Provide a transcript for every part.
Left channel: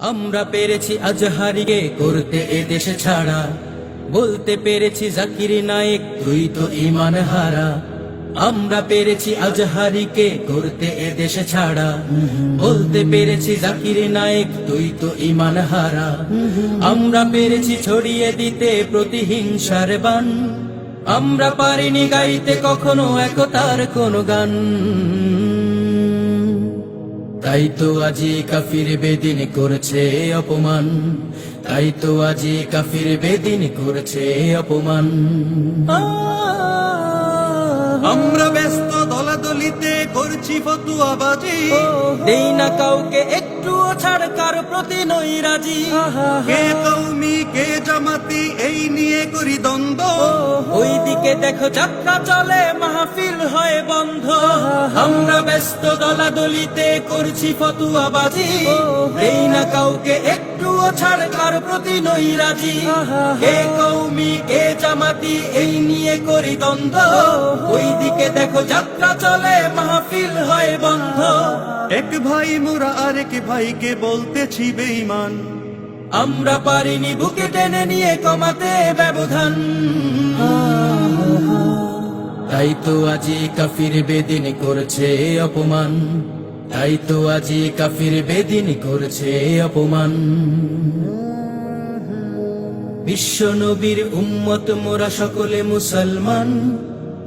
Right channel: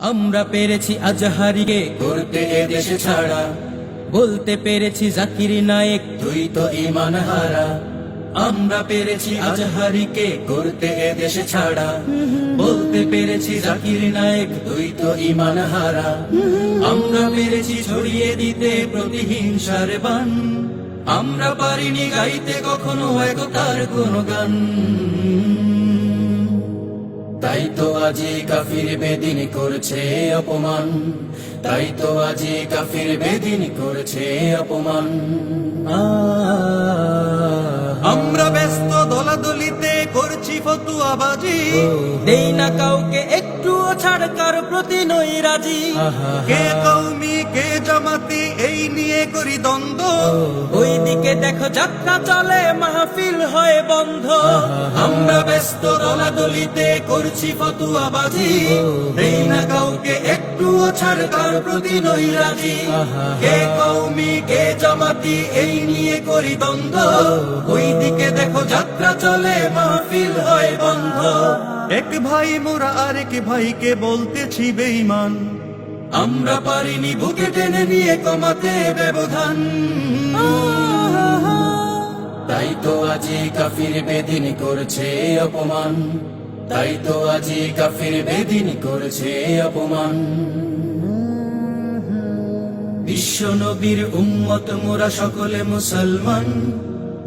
আমরা পেরেছি আজহারিকে করতে এদেশে ছাড়া, বলতে পেরেছি জাকির নায়েক তুই তো ঈমান হারা। আমরা পেরেছি আজহারিকে করতে এদেশে ছাড়া, বলতে পেরেছি জাকির নায়েক তুই তো ঈমান হারা। আমরা পেরেছি ছড়িয়ে দিতে প্রতিহিংসার বান, আমরা পারিনি গাইতে কখনো একতার কোনো গান। তাই তো আজি কাফির বেদিন করছে অপমান, তাই তো আজি কাফির বেদিন করছে অপমান। আমরা ব্যস্ত দলাদলিতে করছি ফতুয়াবাজি, দেই না কাউকে একটুও ছাড়, কার প্রতি নই রাজি। কে কওমি কে জামাতি এই নিয়ে করি দ্বন্দ্ব, ওই দিকে দেখো যাত্রা চলে মাহফিল হয় বন্ধ। আমরা ব্যস্ত দলাদলিতে করছি ফতুয়াবাজি, দেই না কাউকে একটুও ছাড়, কার প্রতি নই রাজি। কে কওমি কে জামাতি এই নিয়ে করি দ্বন্দ্ব, ওই দিকে দেখো যাত্রা চলে মাহফিল হয় বন্ধ। এক ভাই মোরা আরেক ভাইকে বলতেছি বেঈমান, আমরা পারিনি বুকে টেনে নিয়ে কমাতে ব্যবধান। তাই তো আজি কাফির বেদিন করছে অপমান, তাই তো আজি কাফির বেদিন করছে অপমান। বিশ্ব নবীর উম্মত মোরা সকলে মুসলমান,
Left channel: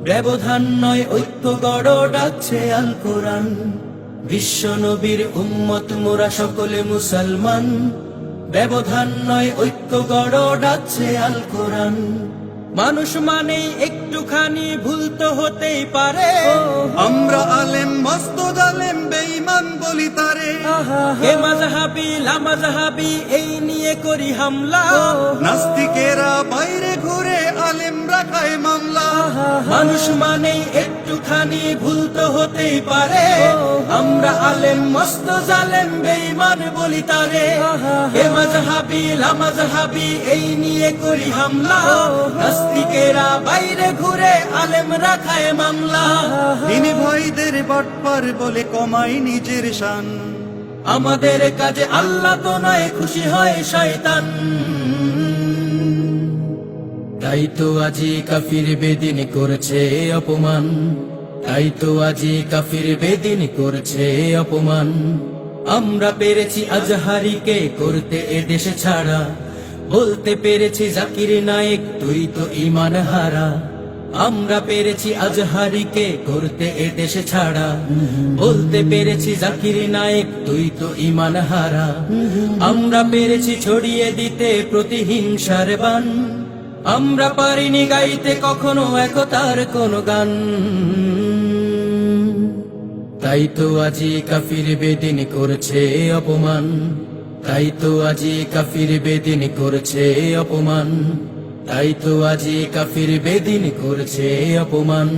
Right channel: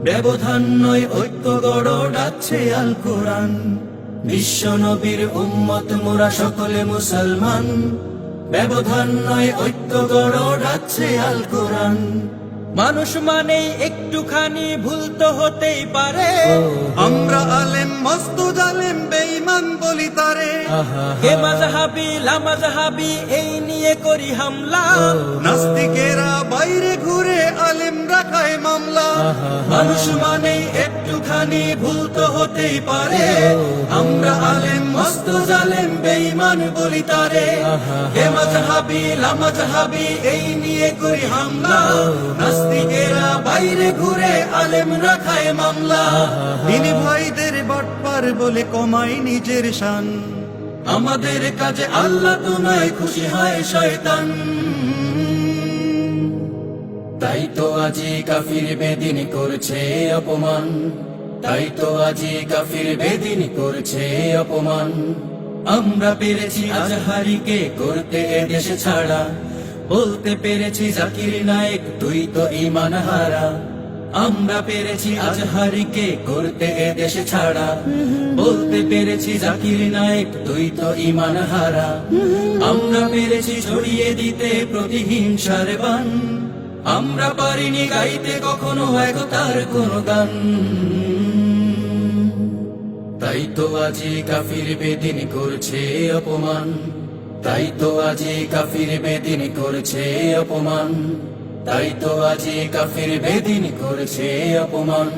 ব্যবধান নয় ঐক্য গড় ডাকছে আল কোরআন। বিশ্ব নবীর উম্মত মোরা সকলে মুসলমান, ব্যবধান নয় ঐক্য গড় ডাকছে আল কোরআন। মানুষ মানেই একটুখানি ভুল তো হতেই পারে, আমরা আলেম মস্ত জালেম বেঈমান বলি তারে। কে মাযহাবি লামাযহাবি এই নিয়ে করি হামলা, নাস্তিকেরা বাইরে ঘুরে আলেম রাখায় মামলা। মানুষ মানেই একটুখানি ভুল তো হতেই পারে, আমরা আলেম মস্ত জালেম বেঈমান বলি তারে। কে মাযহাবি লামাযহাবি এই নিয়ে করি হামলা, নাস্তিকেরা বাইরে ঘুরে আলেম রাখায় মামলা। দিনী ভাইদের বাটপার বলে কমাই নিজের শান, আমাদের কাজে আল্লাহ তো নয় খুশি হয় শয়তান। তাই তো আজি কাফির বেদিন করছে অপমান, তাই তো আজি কাফির বেদিন করছে অপমান। আমরা পেরেছি আজহারিকে করতে এদেশে ছাড়া, বলতে পেরেছি জাকির নায়েক তুই তো ঈমান হারা। আমরা পেরেছি আজহারিকে করতে এদেশে ছাড়া, বলতে পেরেছি জাকির নায়েক তুই তো ঈমান হারা। আমরা পেরেছি ছড়িয়ে দিতে প্রতিহিংসার বান, আমরা পারিনি গাইতে কখনো একতার কোনো গান। তাই তো আজি কাফির বেদিন করছে অপমান, তাই তো আজি কাফির বেদিন করছে অপমান, তাই তো আজি কাফির বেদিন করছে অপমান।